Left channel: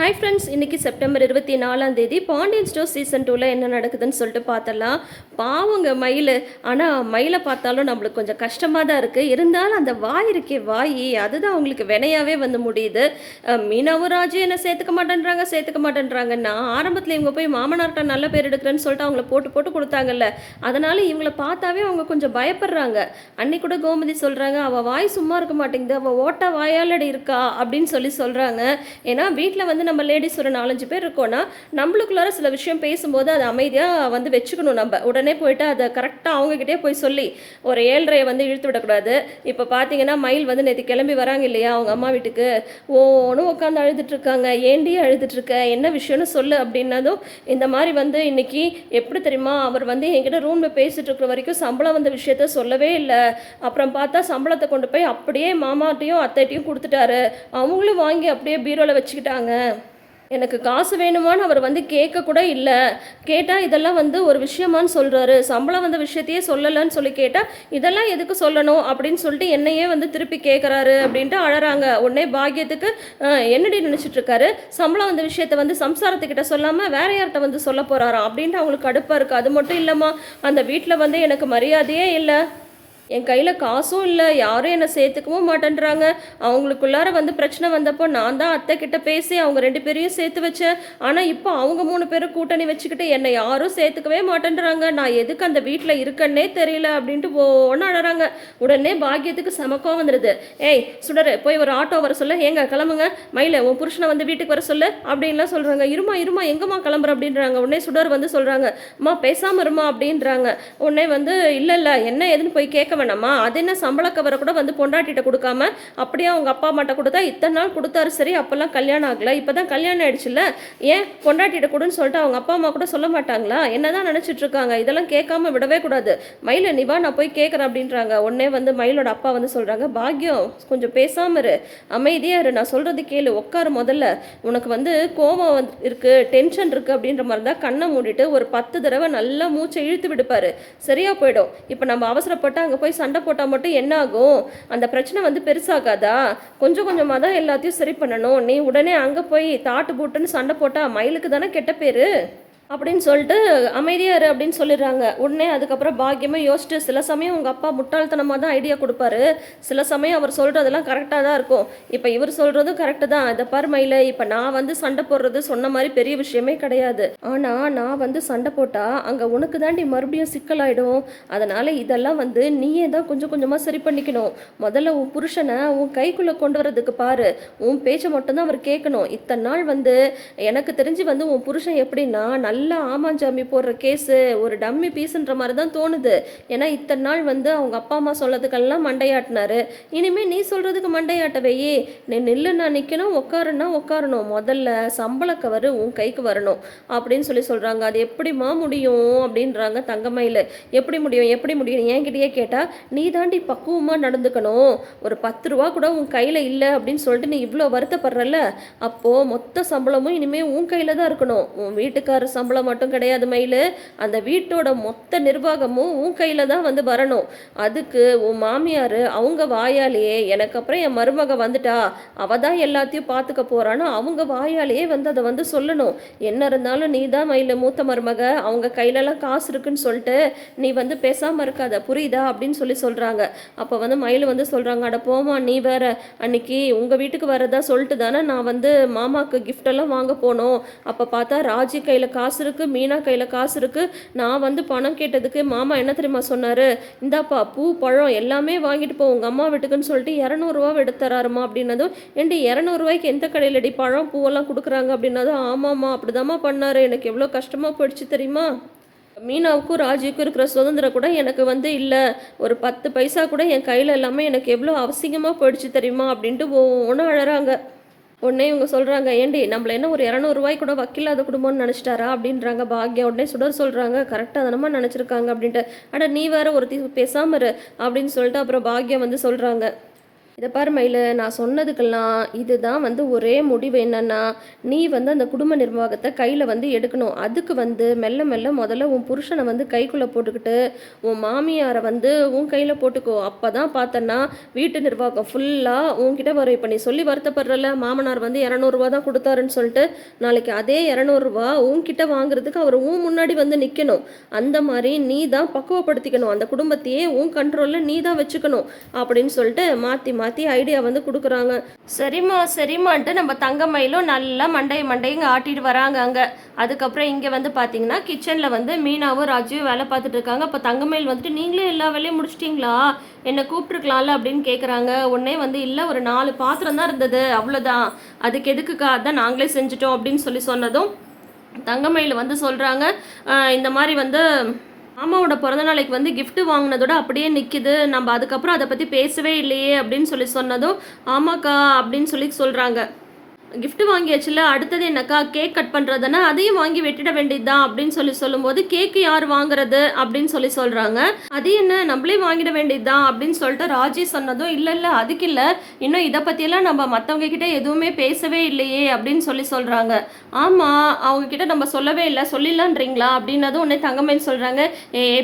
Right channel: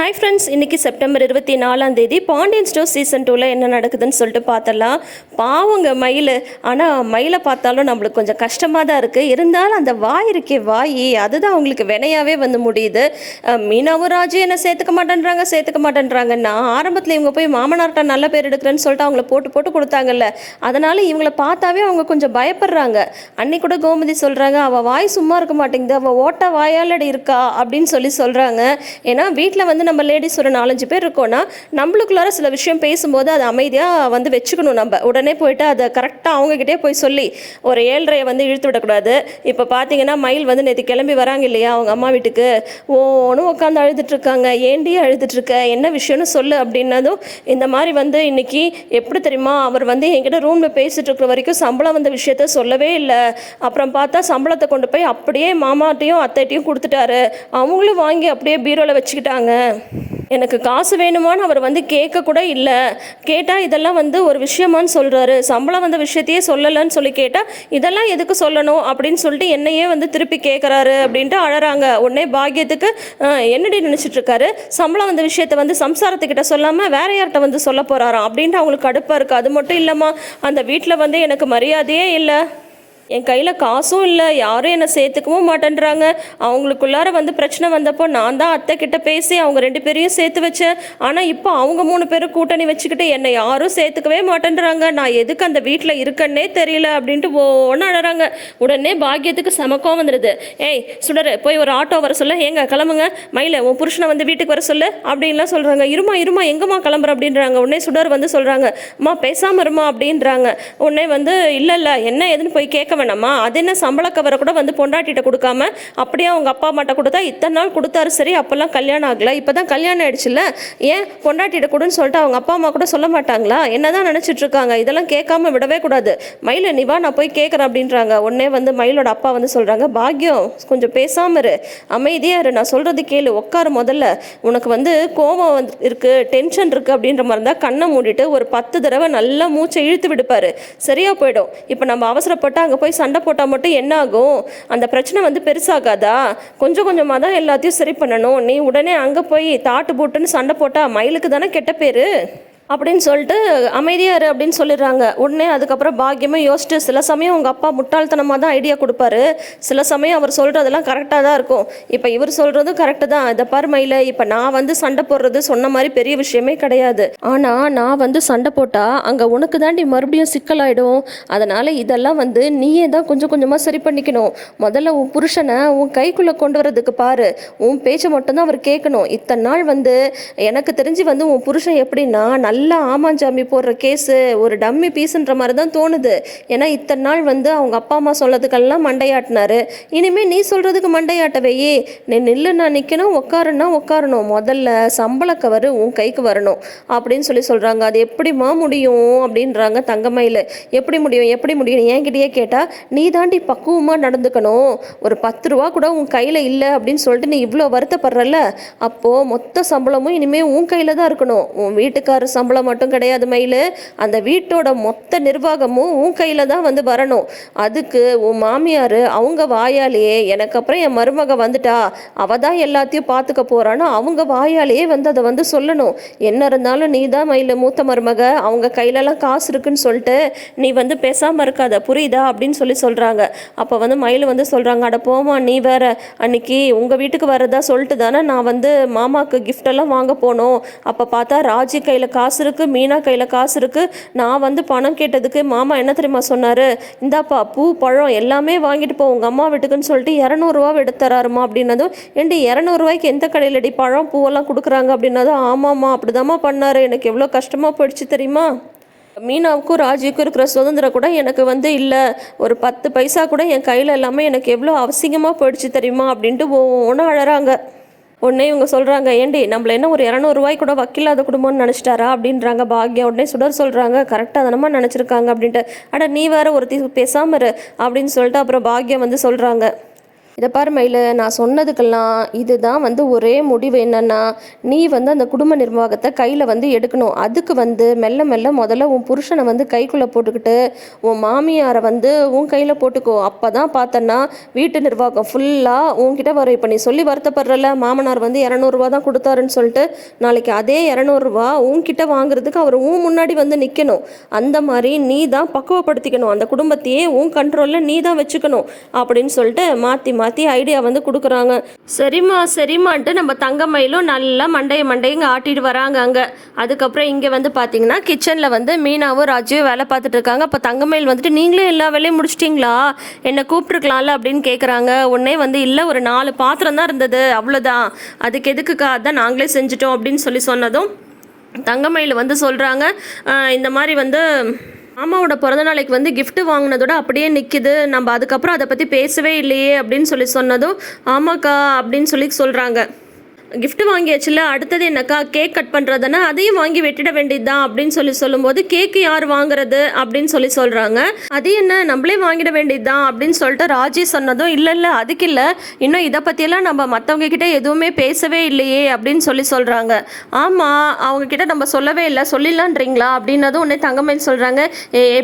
Hi friends, இன்றைக்கி September 24 Pandian store season 2ல் என்ன நடக்குதுன்னு சொல்லிட்டு பார்த்தலாம். பாவங்க மயில். ஆனால் மயிலை பார்த்தாலும் நம்மளுக்கு கொஞ்சம் கஷ்டமாக தான் இருக்குது. இருந்தாலும் அந்த வாய் இருக்கே வாய், அதுதான் அவங்களுக்கு வினையாகவே வந்து முடியுது. மீனாவும் ராஜு என்ன சேர்த்துக்க மாட்டேன்றாங்க. நான் ஆரம்பத்தில் இவங்க போய் மாமனார்கிட்ட நல்ல பேர் எடுக்கிறேன்னு சொல்லிட்டு அவங்கள போட்டு போட்டு கொடுத்தாங்கல்ல, அதனால் இவங்களை பார்த்தாவே அவங்க கொஞ்சம் பயப்படுறாங்க. அன்னைக்கு கூட கோமதி சொல்கிறாங்க, அவள் வாய் சும்மா இருக்க மாட்டேங்குது, அவள் ஓட்ட வாயாலடி இருக்கா அப்படின்னு சொல்கிறாங்க. ஏன்னா வீட்டில் வந்து நம்ம லேடிஸ் ஒரு 4-5 பேர் இருக்கோன்னா நம்மளுக்குள்ளார சில விஷயம் பேசும்போது அதை அமைதியாக வந்து வச்சுக்கணும். நம்ம உடனே போயிட்டு அதை கரெக்டாக அவங்ககிட்டே போய் சொல்லி ஒரு 7:30 வந்து இழுத்து விடக்கூடாது. இப்போ பார்த்தீங்கன்னா மயில் வந்து நேற்று கிளம்பி வராங்க இல்லையா அவங்க அம்மா வீட்டுக்கு, ஓன்னு உட்காந்து அழுதுட்ருக்காங்க. ஏண்டி அழுதுட்ருக்க, என்ன விஷயம்னு சொல்லு அப்படின்னதும், இந்த மாதிரி வந்து இன்னைக்கு எப்படி தெரியுமா, அவர் வந்து என்கிட்ட ரூமில் பேசிகிட்டு இருக்கிற வரைக்கும் சம்பளம் வந்த விஷயத்த சொல்லவே இல்லை. அப்புறம் பார்த்தா சம்பளத்தை கொண்டு போய் அப்படியே மாமாட்டையும் அத்தைட்டையும் கொடுத்துட்டாரு. அவங்களும் வாங்கி அப்படியே பீரோவில் வச்சுக்கிட்டாங்க. எனக்கு காசு வேணுமான்னு அவர் வந்து கேட்க கூட இல்லை. கேட்டால் இதெல்லாம் வந்து ஒரு விஷயமானு சொல்கிறாரு. சம்பளம் வந்த விஷயத்தையே சொல்லலைன்னு சொல்லி கேட்டால் இதெல்லாம் எதுக்கு சொல்லணும் அப்படின்னு சொல்லிட்டு என்னையே வந்து திருப்பி கேட்குறாரு அப்படின்ட்டு அழறாங்க. உடனே பாக்கியத்துக்கு என்னடி நினச்சிட்ருக்காரு, சம்பளம் வந்த விஷயத்த வந்து சம்சாரத்துக்கிட்ட சொல்லாமல் வேற யார்கிட்ட வந்து சொல்ல போகிறாராம் அப்படின்ட்டு அவங்களுக்கு கடுப்பாக இருக்குது. அது மட்டும் இல்லாமல் அந்த வீட்டில் வந்து எனக்கு மரியாதையே இல்லை, என் கையில் காசும் இல்லை, யாரும் என்னை சேர்த்துக்கவும் மாட்டேன்றாங்க. அவங்களுக்குள்ளார வந்து பிரச்சனை வந்தப்போ நான் தான் அத்தை கிட்ட பேசி அவங்க 2 பேரையும் சேர்த்து வச்சேன். ஆனால் இப்போ அவங்க 3 பேரும் கூட்டணி வச்சுக்கிட்டு என்னை யாரும் சேர்த்துக்கவே மாட்டேன்றாங்க. நான் எதுக்கு அந்த வீட்டில் இருக்கன்னே தெரியல அப்படின்ட்டு ஒன்று அழறாங்க. உடனே பாக்கியத்துக்கு சமக்கம் வந்துடுது. ஏய் சுடர், போய் ஒரு ஆட்டோ வர சொல்ல, ஏங்க கிளம்புங்க, மயில உன் புருஷனை வந்து வீட்டுக்கு வர சொல்லு அப்படின்லாம் சொல்கிறாங்க. இருமா எங்கம்மா கிளம்புற அப்படின்றாங்க. உடனே சுடர் வந்து சொல்கிறாங்க, அம்மா பேசாமல் இருமா அப்படின்றாங்க. உடனே வந்து இல்லை என்ன எதுன்னு போய் கேட்க வேணாமா, அது என்ன சம்பள கவரை கூட வந்து பொண்டாட்டிகிட்ட கொடுக்காம அப்படியே அவங்க அப்பா அம்மாட்ட கொடுத்தா இத்தனை நாள் கொடுத்தாரு. சரி, அப்போல்லாம் கல்யாணம் ஆகலை, இப்போ தான் கல்யாணம் ஆயிடுச்சுல்ல, ஏன் பொண்டாட்டிகிட்ட கொடுன்னு சொல்லிட்டு அவங்க அப்பா அம்மா கூட சொல்ல மாட்டாங்களா, என்னதான் நினச்சிட்டு இருக்காங்க, இதெல்லாம் கேட்காம விடவே கூடாது. மயில நீ வா, நான் போய் கேட்குறேன் அப்படின்றாங்க. உடனே வந்து மயிலோட அப்பா வந்து சொல்கிறாங்க, பாக்கியம் கொஞ்சம் பேசாமல் இரு, அமைதியாக இரு, நான் சொல்கிறது கேளு, உட்காரு முதல்ல. உனக்கு வந்து கோபம் வந்து இருக்குது, டென்ஷன் இருக்குது அப்படின்ற மாதிரி இருந்தால் கண்ணை மூடிட்டு ஒரு 10 தடவை நல்லா மூச்சை இழுத்து விடுப்பாரு, சரியாக போயிடும். இப்போ நம்ம அவசரப்பட்டு அங்கே போய் சண்டை போட்டால் மட்டும் என்ன ஆகும், அந்த பிரச்சனை வந்து பெருசாகாதா, கொஞ்சம் கொஞ்சமாக தான் எல்லாத்தையும் சரி பண்ணணும். நீ உடனே அங்கே போய் தாட்டு போட்டுன்னு சண்டை போட்டால் மயிலுக்கு தானே கெட்ட பேர் அப்படின்னு சொல்லிட்டு அமைதியாக இரு அப்படின்னு சொல்லிடுறாங்க. உடனே அதுக்கப்புறம் பாக்கியமாக யோசிச்சுட்டு, சில சமயம் உங்கள் அப்பா முட்டாள்தனமாக தான் ஐடியா கொடுப்பாரு, சில சமயம் அவர் சொல்கிறதெல்லாம் கரெக்டாக தான் இருக்கும். இப்போ இவர் சொல்கிறதும் கரெக்டு தான். இதை பாரு மயில, இப்போ நான் வந்து சண்டை போடுறது சொன்ன மாதிரி பெரிய விஷயமே கிடையாது. ஆனால் நான் வந்து சண்டை போட்டால் அங்கே உனக்கு தாண்டி மறுபடியும் சிக்கலாயிடும். அதனால் இதெல்லாம் வந்து நீயே தான் கொஞ்சம் கொஞ்சமாக சரி பண்ணிக்கணும். முதல்ல உன் புருஷனை உன் கைக்குள்ளே கொண்டு வரதுக்கு பாரு, உன் பேச்சை மட்டும்தான் அவர் கேட்கணும். இத்தனை நாள் வந்து எனக்கு தெரிஞ்சு வந்து உன் புருஷன் எப்படின்னா நல்லா ஆமாஞ்சாமி போடுற கேஸு, ஒரு டம்மி பீஸுன்ற மாதிரி தான் தோணுது. ஏன்னா இத்தனை நாள் வந்து அவங்க அப்பா அம்மா சொல்லதுக்கெல்லாம் மண்டையாட்டினாரு. இனிமேல் நீ சொல்கிறதுக்கு மண்டையாட்டவே, நீ நில்லு, நான் நிற்கணும், உட்காருன்னா உட்காரணும், முதல்ல சம்பள கவர் உன் கைக்கு வரணும் அப்படின்னு சொல்கிறாங்க. அது எப்படிமா முடியும் அப்படின்றாங்க தங்கமயில். எப்படி முடியும் என்கிட்டயே கேட்டால் நீ தாண்டி பக்குவமாக நடந்துக்கணும். ஒரு 10 ரூபா கூட உன் கையில் இல்லை அப்படின்னு சொல்லிட்டு நீ இவ்வளோ வருத்தப்படுறல, அப்போது மொத்த சம்பளமும் இனிமேல் உன் கையில் தான் இருக்கணும். உன் வீட்டுக்காரர் சம்பளம் மட்டும் கிடையாது மயிலு, அந்த வீட்டோட மொத்த நிர்வாகமும் உன் கையில் தான் வந்து வரணும். அதுக்கு உன் மாமியார் அவங்க வாயாலேயே, எனக்கு அப்புறம் என் மருமக வந்துட்டா அவ தான் எல்லாத்தையும் பார்த்துக்க போறான்னு அவங்க வாயாலேயே வந்து அதை வந்து சொல்லணும். என்ன இருந்தாலும் நீ தான் மயிலு மூத்த மருமக, அவங்க கையிலலாம் காசு இருக்குன்னு சொல்லிட்டு நீ வந்து பேசாமல் இருக்காத, புரியுதா அப்படின்னு சொல்கிறாங்க. அப்போ வந்து மயில் வந்து சொல்கிறாங்க, அட போமா நீ வேற, அன்னைக்கு உங்கள் வீட்டுக்கு வரதா சொல்லிட்டு தானே நான் வந்து மாமாவுக்கு கிஃப்டெல்லாம் வாங்க போனோம். அப்போ பார்த்தா ராஜி கையில் காசு இருக்குது, மீனா கையில் காசு இருக்குது. நான் வந்து பணம் கேட்டதுக்கு மாமா என்ன தெரியுமா சொன்னார், இந்தாப்பா பூ பழம் எல்லாமே வாங்கிட்டு போ உங்கள் அம்மா வீட்டுக்குன்னு சொல்லிட்டு 200 ரூபா எடுத்து தராருமா அப்படின்னதும், ஏண்டி 200 ரூபாய்க்கு எந்த கடையிலடி பழம் பூவெல்லாம் கொடுக்குறாங்க அப்படின்னதும், ஆமாம்மா அப்படிதாம்மா பண்ணார், எனக்கு எவ்வளோ கஷ்டமாக போயிடுச்சு தெரியுமா, மீனாவுக்கும் ராஜுக்கும் இருக்கிற சுதந்திரம் கூட எனக்கு வந்து இல்லை, ஒரு 10 பைசா கூட என் கையில் எல்லாமே எனக்கு எவ்வளோ அவசியமாக போயிடுச்சு தெரியுமா அப்படின்ட்டு ஒவ்வொன்றும் அழறாங்க. உடனே இவங்க சொல்கிறாங்க, ஏண்டி நம்மள என்ன ஒரு 200 ரூபாய் கூட வக்கில்லாத குடும்பம்னு நினச்சிட்டாரா அப்படின்றாங்க பாக்யா. உடனே சுடர் சொல்கிறாங்க, கரெக்டாக தானமா நினச்சிருக்காங்க அப்படின்ட்டு. அட நீ வேற ஒரு பேசாமல் இரு அப்படின்னு சொல்லிட்டு அப்புறம் பாக்யா வந்து சொல்கிறாங்க, இதை பாரு மயிலு, நான் சொன்னதுக்கெல்லாம் இதுதான் ஒரே முடிவு என்னன்னா, நீ அந்த குடும்ப நிர்வாகத்தை கையில் எடுக்கணும். அதுக்கு மெல்ல மெல்ல முதல்ல உன் புருஷனை கைக்குள்ளே போட்டுக்கிட்டு உன் மாமியாரை உன் கையில் போட்டுக்கோ. அப்போ தான் பார்த்தன்னா வீட்டு நிர்வாகம் ஃபுல்லாக உன்கிட்ட வரும். இப்போ நீ சொல்லி வருத்தப்படுறல, மாமனார் 200 தான் கொடுத்தாருன்னு சொல்லிட்டு, நாளைக்கு அதே 200 உன்கிட்ட வாங்குறதுக்கு அவர் உன் முன்னாடி நிற்கணும். அந்த மாதிரி நீ தான் பக்குவப்படுத்திக்கணும். அந்த குடும்பத்தையே உன் கண்ட்ரோலில் நீ தான் வச்சுக்கணும் அப்படின்னு சொல்லிட்டு மாற்றி மாற்றி ஐடியா கொடுக்குறாங்க. சரிம்மா சரிம்மான்ட்டு நம்ம தங்கமயிலும் நல்லா மண்டைங்க ஆட்டிட்டு வராங்க அங்கே. அதுக்கப்புறம் இங்கே பார்த்தீங்கன்னா கிச்சனில் மீனாவும் ராஜுவும் வேலை பார்த்துட்டு இருக்காங்க. அப்போ தங்கமயில் நீங்களே எல்லா வேலையும் முடிச்சிட்டிங்களா, என்னை கூப்பிட்டுருக்கலாம்ல அப்படின்னு கேட்குறாங்க. உடனே இல்லை, ஒரு 4 பாத்திரம் தான் இருந்தது, அவ்வளோதான், அதுக்கு எதுக்குக்கா, அதான் நாங்களே செஞ்சுட்டோம் அப்படின்னு சொன்னதும் தங்கமயில் சொல்கிறாங்க, இந்த மாதிரி மாமாவோட பிறந்தநாளைக்கு கிஃப்ட் வாங்கினதோட அப்படியே நிற்கிது, நம்ம அதுக்கப்புறம் அதை பற்றி பேசவே இல்லையே அப்படின்னு சொன்னதும் ஆமாக்கா அப்படின்னு சொல்கிறாங்க. கிஃப்ட் வாங்கியாச்சுல, அடுத்தது என்னக்கா, கேக் கட் பண்ணுறதுன்னா அதையும் வாங்கி வெட்டிட வேண்டியது தான் அப்படின்னு சொல்லும்போது, கேக்கு யார் வாங்குறது அப்படின்னு சொல்கிறாங்க. அது என்ன, நம்மளே வாங்கிட வேண்டியது தான் அப்படின்னு சொல்லிட்டு ராஜி சொன்னதும் இல்லை அதுக்கு இல்லை, இன்னும் இதை பற்றியெல்லாம் நம்ம மற்றவங்க கிட்ட எதுவுமே பேசவே இல்லையே அப்படின்னு சொல்கிறாங்க. ஆமாம், அவங்கக்கிட்ட நம்ம சொல்லவே இல்லை, சொல்லிடலான்றீங்களா அப்படின்னதும் உடனே தங்கமயில் சொல்கிறாங்க,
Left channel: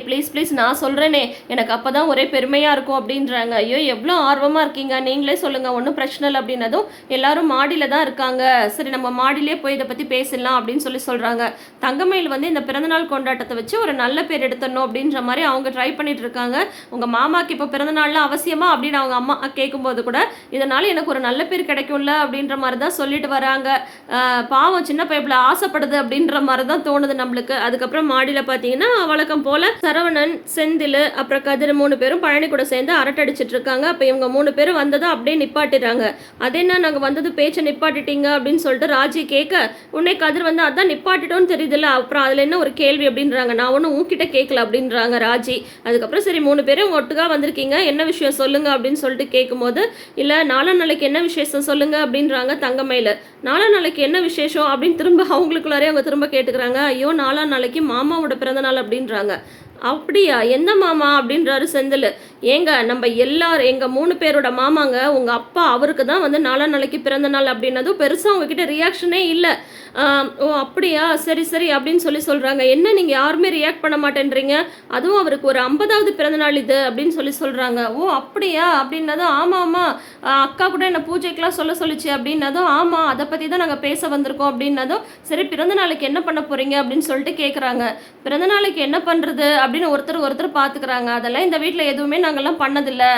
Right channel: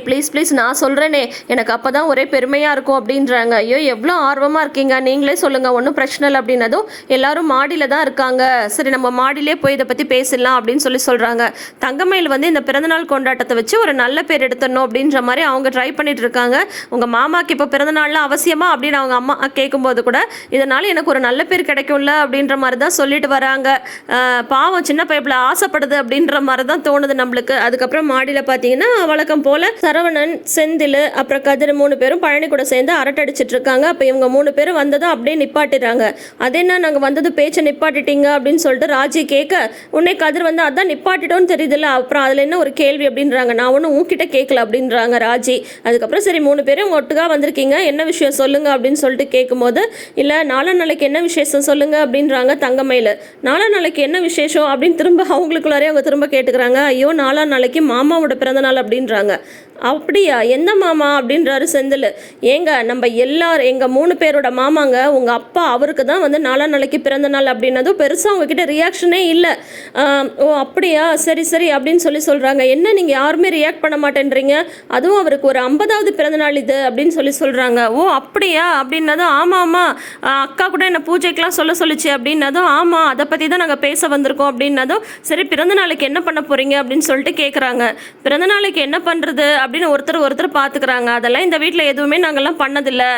ப்ளீஸ் நான் சொல்கிறேனே, எனக்கு அப்போ தான் ஒரே பெருமையாக இருக்கும் அப்படின்றாங்க. ஐயோ எவ்வளோ ஆர்வமாக இருக்கீங்க, நீங்களே சொல்லுங்கள், ஒன்றும் பிரச்சனை இல்லை அப்படின்னதும் எல்லாரும் மாடியில் தான் இருக்காங்க, சரி நம்ம மாடியிலே போய் இதை பற்றி பேசலாம் அப்படின்னு சொல்கிறாங்க. தங்கமயில் இந்த பிறந்தநாள் கொண்டாட்டத்தை வச்சு ஒரு நல்ல பேர் எடுத்துடணும் அப்படின்ற மாதிரி அவங்க ட்ரை பண்ணிட்டு இருக்காங்க. உங்கள் மாமாக்கு இப்போ பிறந்தநாள்லாம் அவசியமா அப்படின்னு அவங்க அம்மா கேட்கும்போது கூட, இதனால எனக்கு ஒரு நல்ல பேர் கிடைக்கும்ல அப்படின்ற மாதிரி தான் சொல்லிட்டு வராங்க. பாவம் சின்ன பைப்பில் ஆசைப்படுது அப்படின்ற மாதிரி தான் தோணுது நம்மளுக்கு. அதுக்கப்புறம் மாடியில் பார்த்தீங்கன்னா வழக்கம் போல் சரவணன், செந்தில், அப்புறம் கதிர் 3 பேரும் பழனி கூட சேர்ந்து அரட்டை அடிச்சிட்டு இருக்காங்க. அப்போ இவங்க 3 பேரும் வந்ததும் அப்படியே நிப்பாட்டிடுறாங்க. அது என்ன, நாங்கள் வந்தது பேச்சை நிப்பாட்டி அப்படின்னு சொல்லிட்டு ராஜி கேட்க, உன்னை கதிர் அதான் நிப்பாட்டிட்டோன்னு தெரியுதுல்ல, அப்புறம் அதில் என்ன ஒரு கேள்வி அப்படின்றாங்க. நான் ஒன்றும் உன்கிட்ட கேட்கல அப்படின்றாங்க ராஜி. அதுக்கப்புறம் சரி 3 பேரும் ஒட்டுக்காக வந்திருக்கீங்க, என்ன விஷயம் சொல்லுங்க அப்படின்னு சொல்லிட்டு கேட்கும்போது, இல்லை நாளைக்கு என்ன விசேஷம் சொல்லுங்க அப்படின்றாங்க தங்கமயில். நாளைக்கு என்ன விசேஷம் அப்படின்னு திரும்ப அவங்களுக்குள்ளாரே அவங்க திரும்ப கேட்டுக்கிறாங்க. ஐயோ நாளைக்கு மாமாவோட பிறந்தநாள் அப்படின்றாங்க. அப்படியா, என்ன மாமா அப்படின்றாரு செந்தில். ஏங்க நம்ம எல்லாரும் எங்கள் 3 பேரோட மாமாங்க, உங்கள் அப்பா அவருக்கு தான் நாளைக்கு பிறந்த நாள் அப்படின்னதும் பெருசாக உங்ககிட்ட ரியாக்ஷனே இல்லை. ஓ அப்படியா, சரி அப்படின்னு சொல்கிறாங்க. என்ன நீங்கள் யாருமே ரியாக்ட் பண்ண மாட்டேன்றீங்க, அதுவும் அவருக்கு ஒரு 50வது பிறந்தநாள் இது அப்படின்னு சொல்கிறாங்க. ஓ அப்படியா அப்படின்னதும் ஆமாம் அக்கா கூட என்ன பூஜைக்கெலாம் சொல்லிச்சு அப்படின்னதும் ஆமாம் அதை பற்றி தான் நாங்கள் பேச வந்திருக்கோம் அப்படின்னதும் சரி பிறந்த நாளைக்கு என்ன பண்ண போகிறீங்க அப்படின்னு சொல்லிட்டு கேட்குறாங்க. பிறந்த நாளைக்கு என்ன பண்ணுறது அப்படின்னு ஒருத்தர் பார்த்துக்கிறாங்க. அதெல்லாம் இந்த வீட்டில் எதுவுமே நாங்கள்லாம் பண்ணதில்லை,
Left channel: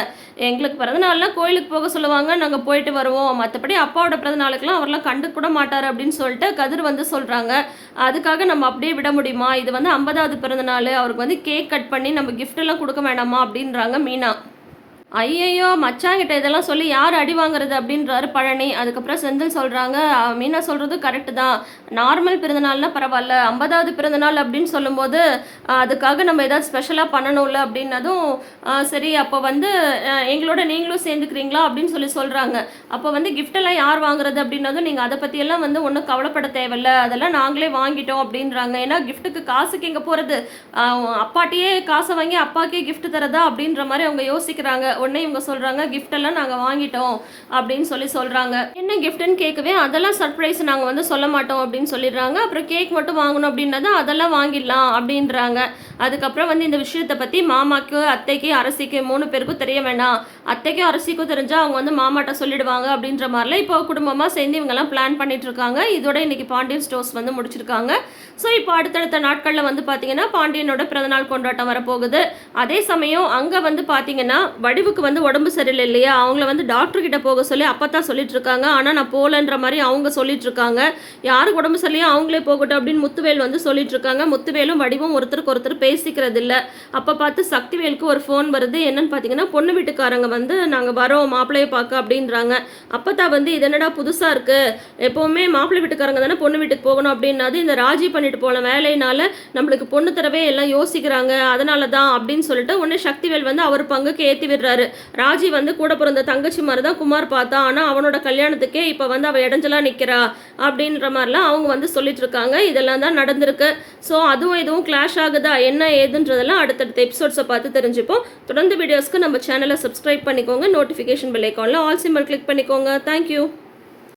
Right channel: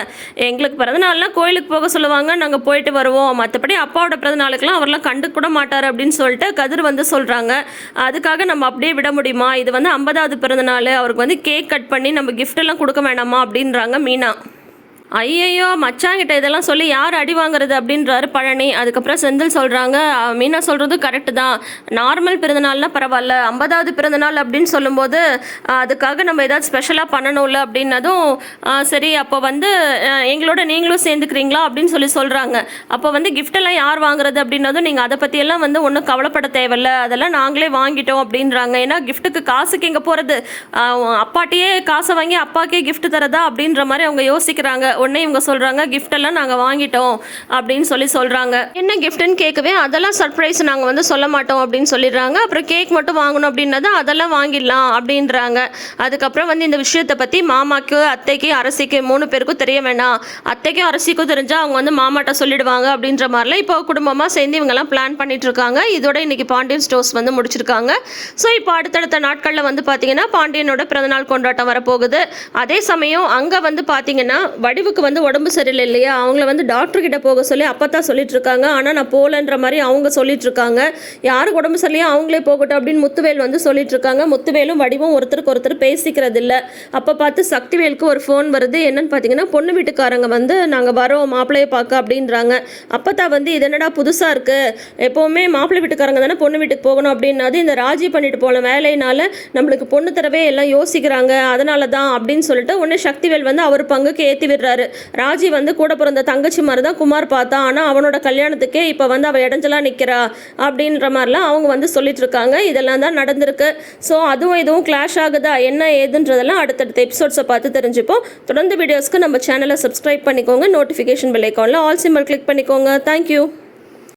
எங்களுக்கு பிறந்தநாள்லாம் கோயிலுக்கு போக சொல்லுவாங்க, நாங்கள் போயிட்டு வருவோம், மற்றபடி அப்பாவோட பிறந்தநாளுக்கெல்லாம் அவரெல்லாம் கண்டு கூட மாட்டார் அப்படின்னு சொல்லிட்டு கதிர் சொல்கிறாங்க. அதுக்காக நம்ம அப்படியே விட முடியுமா, இது 50வது பிறந்தநாள், அவருக்கு கேக் கட் பண்ணி நம்ம கிஃப்ட் எல்லாம் கொடுக்க வேணாமா அப்படின்றாங்க மீனா. ஐயையோ மச்சாங்கிட்ட இதெல்லாம் சொல்லி யார் அடி வாங்குறது அப்படின்றாரு பழனி. அதுக்கப்புறம் செந்தில் சொல்கிறாங்க, மீனா சொல்கிறது கரெக்டு தான், நார்மல் பிறந்தநாள்னா பரவாயில்ல, 50வது பிறந்தநாள் அப்படின்னு சொல்லும்போது அதுக்காக நம்ம ஏதாவது ஸ்பெஷலாக பண்ணணும்ல அப்படின்னதும் சரி அப்போ எங்களோட நீங்களும் சேர்ந்துக்கிறீங்களா அப்படின்னு சொல்கிறாங்க. அப்போ கிஃப்டெல்லாம் யார் வாங்குறது அப்படின்னதும் நீங்கள் அதை பற்றியெல்லாம் ஒன்றும் கவலைப்பட தேவையில்ல, அதெல்லாம் நாங்களே வாங்கிட்டோம் அப்படின்றாங்க. ஏன்னா கிஃப்ட்டுக்கு காசுக்கு எங்கே போகிறது, அப்பாட்டியே காசை வாங்கி அப்பாக்கே கிஃப்ட் தரதா அப்படின்ற மாதிரி அவங்க யோசிக்கிறாங்க. உடனே இவங்க சொல்கிறாங்க, கிஃப்டெல்லாம் நாங்கள் வாங்கிட்டோம் அப்படின்னு சொல்கிறாங்க. என்ன கிஃப்ட்னு கேட்கவே, அதெல்லாம் சர்ப்ரைஸ், நாங்கள் சொல்ல மாட்டோம் அப்படின்னு சொல்லிடுறாங்க. அப்புறம் கேக் மட்டும் வாங்கணும் அப்படின்னது அதெல்லாம் வாங்கிடலாம் அப்படின்றாங்க. அதுக்கப்புறம் இந்த விஷயத்தை பற்றி மாமாக்கு, அத்தைக்கு, அரசிக்கு 3 பேருக்கும் தெரிய வேணாம், அத்தைக்கும் அரசிக்கும் தெரிஞ்சால் அவங்க மாமாட்ட சொல்லிடுவாங்க அப்படின்ற மாதிரிலாம் இப்போ குடும்பமாக சேர்ந்து இவங்கெல்லாம் பிளான் பண்ணிட்டு இருக்காங்க. இதோட இன்னைக்கு பாண்டியன் ஸ்டோர்ஸ் முடிச்சிருக்காங்க. ஸோ இப்போ அடுத்தடுத்த நாட்களில் பார்த்தீங்கன்னா பாண்டியனோட பிறந்தநாள் கொண்டாட்டம் வரப்போகுது. அதே சமயம் அங்கே பார்த்தீங்கன்னா வடிவுக்கு உடம்பு சரியில்லை இல்லையா, அவங்கள டாக்டர் கிட்ட போக சொல்லி அப்போ தான் சொல்லிட்டு இருக்காங்க. ஆனால் நான் போகலன்ற மாதிரி அவங்க சொல்லிட்டு இருக்காங்க. யாருக்கு உடம்பு சரியில்லையோ அவங்களே போகட்டும் அப்படின்னு முத்துவேல் சொல்லிட்டு இருக்காங்க. முத்துவேலும் வடிவும் ஒருத்தருக்கு ஒருத்தர் பேசிக்கிறது இல்லை. அப்போ பார்த்து சக்திவேலுக்கு ஒரு ஃபோன் வருது. என்னன்னு பார்த்தீங்கன்னா பொண்ணு வீட்டுக்காரங்க நாங்கள் வரோம் மாப்பிள்ளையை பார்க்க அப்படின்றாங்க. அப்போ தான் இது என்னடா புதுசாக இருக்குது, எப்போவுமே மாப்பிள்ளை வீட்டுக்காரங்க தானே பொண்ணு வீட்டுக்கு போகணும் அப்படின்னது, இந்த ராஜி பண்ணிட்டு போன வேலையினால நம்மளுக்கு பொண்ணு தரவே எல்லாம் யோசிக்கிறாங்க, அதனால தான் அப்படின்னு சொல்லிட்டு உடனே சக்திவேல் அவர் பங்குக்கு ஏற்றி விடுறாரு. இருக்காரு. ராஜி வந்து கூட பிறந்த தங்கச்சி மாதிரி தான் குமார் பார்த்தா, ஆனால் அவனோட கல்யாணத்துக்கே இப்போ வந்து அவள் இடைஞ்சலா நிற்கிறா அப்படின்ற மாதிரிலாம் அவங்க வந்து சொல்லிட்டு இருக்காங்க. இதெல்லாம் தான் நடந்திருக்கு. ஸோ அதுவும் இதுவும் கிளாஷ் ஆகுதா என்ன ஏதுன்றதெல்லாம் அடுத்தடுத்த எபிசோட்ஸை பார்த்து தெரிஞ்சுப்போம். தொடர்ந்து வீடியோஸ்க்கு நம்ம சேனலை சப்ஸ்கிரைப் பண்ணிக்கோங்க. நோட்டிஃபிகேஷன் பெல் ஐக்கானில் ஆல் சிம்பல் கிளிக் பண்ணிக்கோங்க. தேங்க்யூ.